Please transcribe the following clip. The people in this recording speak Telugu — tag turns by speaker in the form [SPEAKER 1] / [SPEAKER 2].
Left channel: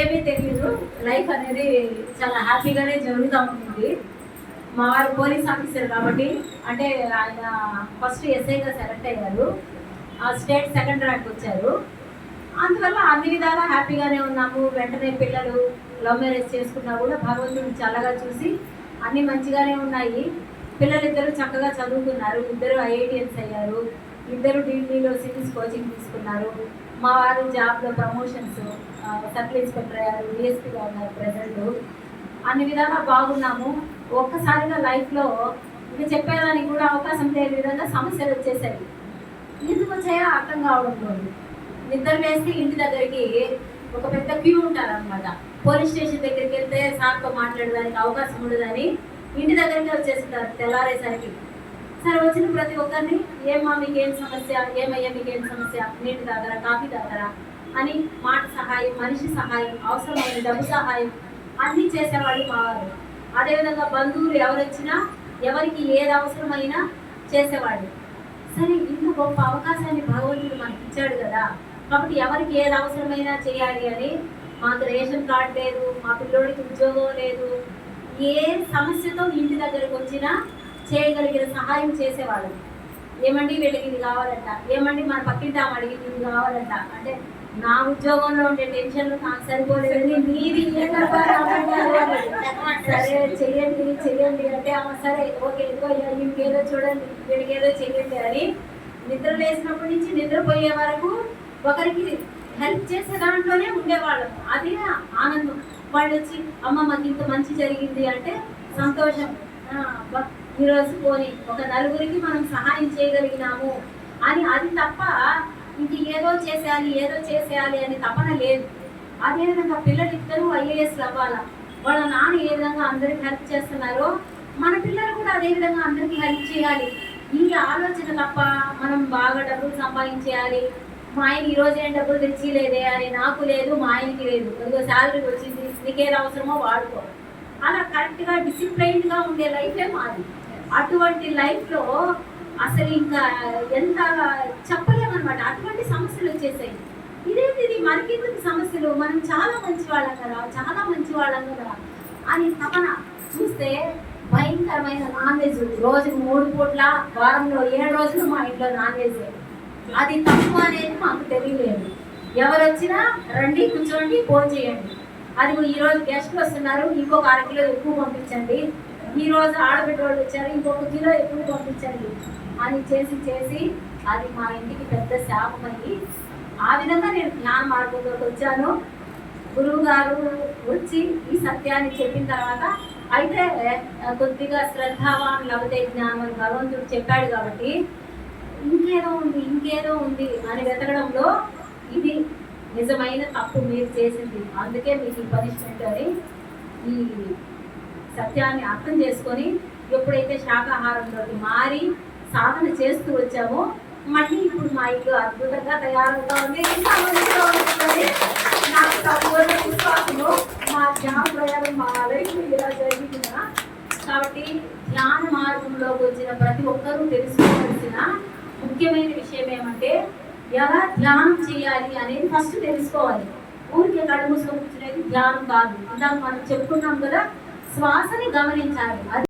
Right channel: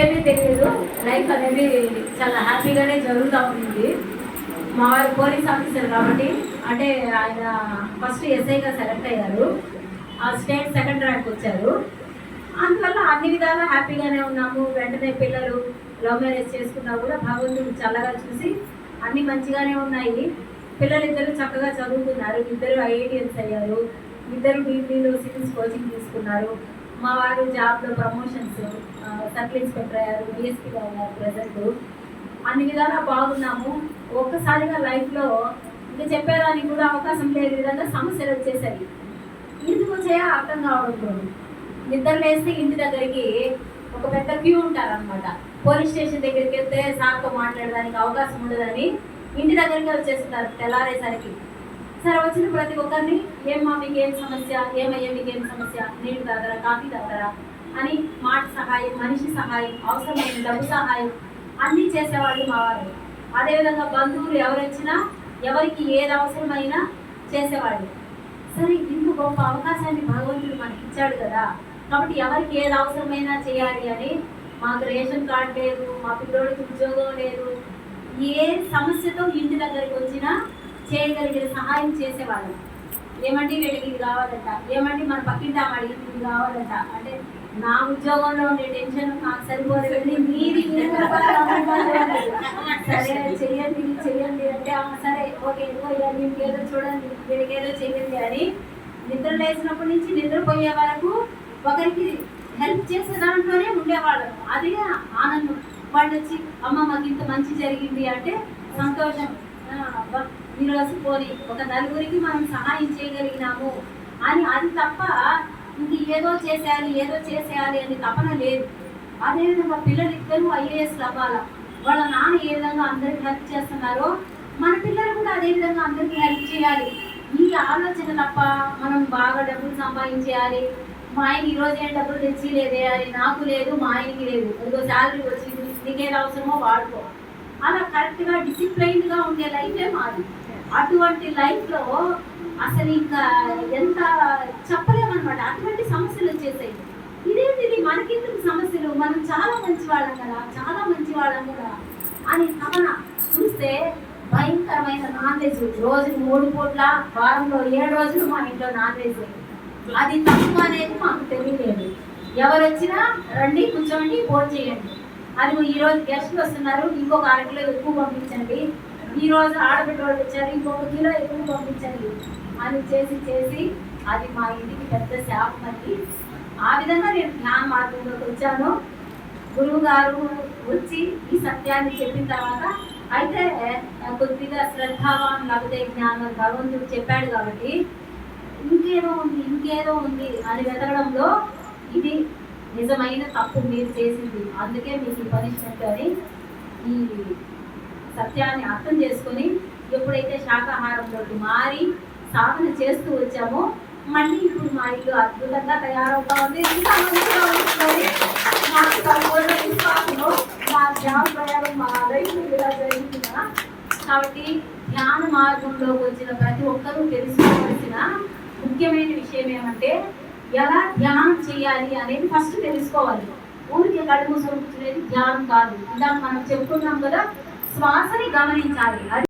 [SPEAKER 1] ఏమీ తెలియదు. లైఫ్ అనేది చాలా హ్యాపీగానే జరుగుతూ ఉంటుంది మా వారు పోలీస్ ఆఫీసర్ కాబట్టి అంటే ఆయన ఫస్ట్ ఎస్ఐగా సెలెక్ట్ అయ్యారు. ఆ స్టేట్ సెకండ్ ర్యాంక్ వచ్చారు. అందువల్ల అన్ని విధాలా హ్యాపీగానే ఉన్నాము. వెంటనే పిల్లలు లవ్ మ్యారేజ్ చేసుకున్నా కూడా భగవంతుడు చల్లగా చూసి అన్ని మంచిగానే ఉన్నాయి. పిల్లలిద్దరూ చక్కగా చదువుకున్నారు. ఇద్దరు ఐఐటిఎన్స్ అయ్యారు. ఇద్దరు డిగ్రీలో సిటీస్ కోచింగ్ తీసుకున్నారు. మా వారు జాబ్లో ప్రమోషన్స్ సర్కిల్ ఇన్స్పెక్టర్ అయ్యారు డిఎస్పీగా ఉన్నారు ప్రజెంట్ అన్ని విధాలా బాగున్నాము. ఒక్కసారిగా లైఫ్లో ఇంకా చెప్పేదానికి కూడా అవకాశం లేని విధంగా సమస్యలు వచ్చేసాయి. ఎందుకు వచ్చాయో అర్థం కావడం నిద్ర లేస్తే ఇంటి దగ్గరికి ఒక పెద్ద క్యూ ఉంటారనమాట పోలీస్ స్టేషన్ దగ్గరికి వెళ్తే సార్తో మాట్లాడడానికి అవకాశం ఉండదని ఇంటి దగ్గరికి వచ్చేస్తారు తెల్లారేసరికి. సరే వచ్చిన ప్రతి ఒక్కరిని ఏమ్మా మీకు ఏం సమస్య? ఏమయ్యా మీకు ఏం సమస్య? నీటి తాగరా కాఫీ తాగరా? అని మాట సహాయం మనిషి సహాయం అవసరమైన డబ్బు సహాయం అన్నీ చేసేవాళ్ళు మా అదేవిధంగా బంధువులు ఎవరొచ్చినా ఎవరికి ఏది అవసరమైనా చేసేవాళ్ళు. సరే ఇంత గొప్ప అవకాశాన్ని భగవంతుడు మనకి ఇచ్చాడు కదా! కాబట్టి ఎవరికి ఏది అవసరమైనా చేయాలి అని మాకు రేషన్ కార్డు లేదు మా పిల్లోడికి ఉద్యోగం లేదు. ఏ సమస్యతో ఇంటి దగ్గరికి వచ్చినా చేయగలిగిన సహాయం చేసేవాళ్ళం. ఏమండి వీళ్ళకి ఇది కావాలంట? ఏమండి మన పక్కింటి ఆమె అడిగింది ఇది కావాలంట? అంటే నా ఉద్యోగంలో ఉండే టెన్షన్ నాకు సరిపోలేదు మీది సరే చెయ్యండి చెయ్యండి అంటే ఆమె సరే ఓకే ఎక్కువ మీకు ఏదో చూడండి వీడికి ఏదో చెయ్యండి అని నిద్ర లేచినప్పటి నుంచి నిద్రపోయే వరకు ఒకరికి హెల్ప్ చేసే దాంట్లోనే ఉండేవాళ్ళం. అదే ఆనందం. వాళ్ళు వచ్చి అమ్మ మాకు ఇంత మంచి జరిగింది అంటే సంతోషం. ఈరోజు పోని ఒక నలుగురికి మనం సహాయం చేయగలిగినాము అని అది తప్ప ఇంక ఏదో చేసేయాలి ఏదో చేసేయాలి అని తపన లేదు. అదేవిధంగా పిల్లలు ఇద్దరు ఐఏఎస్ అవ్వాలా వాళ్ళ నాన్న ఏ విధంగా అందరికి హెల్ప్ చేస్తున్నారో మన పిల్లలు కూడా అదే విధంగా అందరికీ హెల్ప్ చేయాలి. ఈ ఆలోచన తప్ప మనం బాగా డబ్బులు సంపాదించేయాలి. మా ఆయన ఈ రోజు ఏం డబ్బులు తెచ్చి లేదే అని నాకు లేదు మా ఆయనకి లేదు. అదిగో శాలరీ వచ్చింది నీకేది అవసరమో వాడుకో. అలా కరెక్ట్గా డిసిప్లైన్గా ఉండే లైఫే మాది. అటువంటి లైఫ్లో అసలు ఇంకా ఎంత చెప్పలేమన్నమాట. అటువంటి సమస్యలు వచ్చేసాయి. ఇదేంటి ఇది మనకెందుకు సమస్యలు? మనం చాలా మంచి వాళ్ళం కదా చాలా మంచి వాళ్ళం కదా అని తమన చూస్తే భయంకరమైన నాన్ వెజ్ రోజు మూడు పూట్ల వారంలో ఏడు రోజులు మా ఇంట్లో నాన్ వెజ్ అది తక్కువ అనేది మాకు తెలియలేదు. ఎవరు వచ్చినా రండి కూర్చోండి ఫోన్ చేయండి. అది ఈ రోజు గెస్ట్లు వస్తున్నారు. ఇంకొక అర కిలో ఎక్కువ పంపించండి. ఈ రోజు ఆడబిడ్డ వాళ్ళు వచ్చారు ఇంకొక కిలో ఎక్కువ పంపించండి. అని చేసి చేసి అది మా ఇంటికి పెద్ద శాపం అని ఆ విధంగా నేను జ్ఞాన మార్గంలోకి వచ్చాను. గురువు గారు వచ్చి ఈ సత్యాన్ని చెప్పిన తర్వాత అయితే కొద్దిగా శ్రద్ధావాన్ లభతే జ్ఞానం భగవంతుడు చెప్పాడు కాబట్టి ఇంకేదో ఉంది ఇంకేదో ఉంది అని వెతకడంలో ఇది నిజమైన తప్పు మీరు చేసింది. అందుకే మీకు ఈ పనిష్మెంట్ అని ఈ సత్యాన్ని అర్థం చేసుకొని ఎప్పుడైతే శాకాహారంలోకి మారి సాధన చేస్తూ వచ్చామో మళ్ళీ ఇప్పుడు మా ఇల్లు అద్భుతంగా తయారవుతా ఉంది. ఇంకా మంచిగా ఉంటుంది. నాకు సంపూర్ణ విశ్వాసము మా ధ్యాన ప్రయాణం మా లైఫ్ ఇలా జరుగుతుందా కాబట్టి ధ్యాన మార్గంలోకి వచ్చిన ప్రతి ఒక్కరూ తెలుసుకోవాల్సిన ముఖ్యమైన విషయం ఏమంటే ఎలా ధ్యానం చేయాలి అనేది ఫస్ట్ తెలుసుకోవాలి. ఊరికే కళ్ళు మూసుకొని కూర్చునేది ధ్యానం కాదు. ఇందాక మనం చెప్పుకున్నాం కదా శ్వాసని గమనించాలి. అది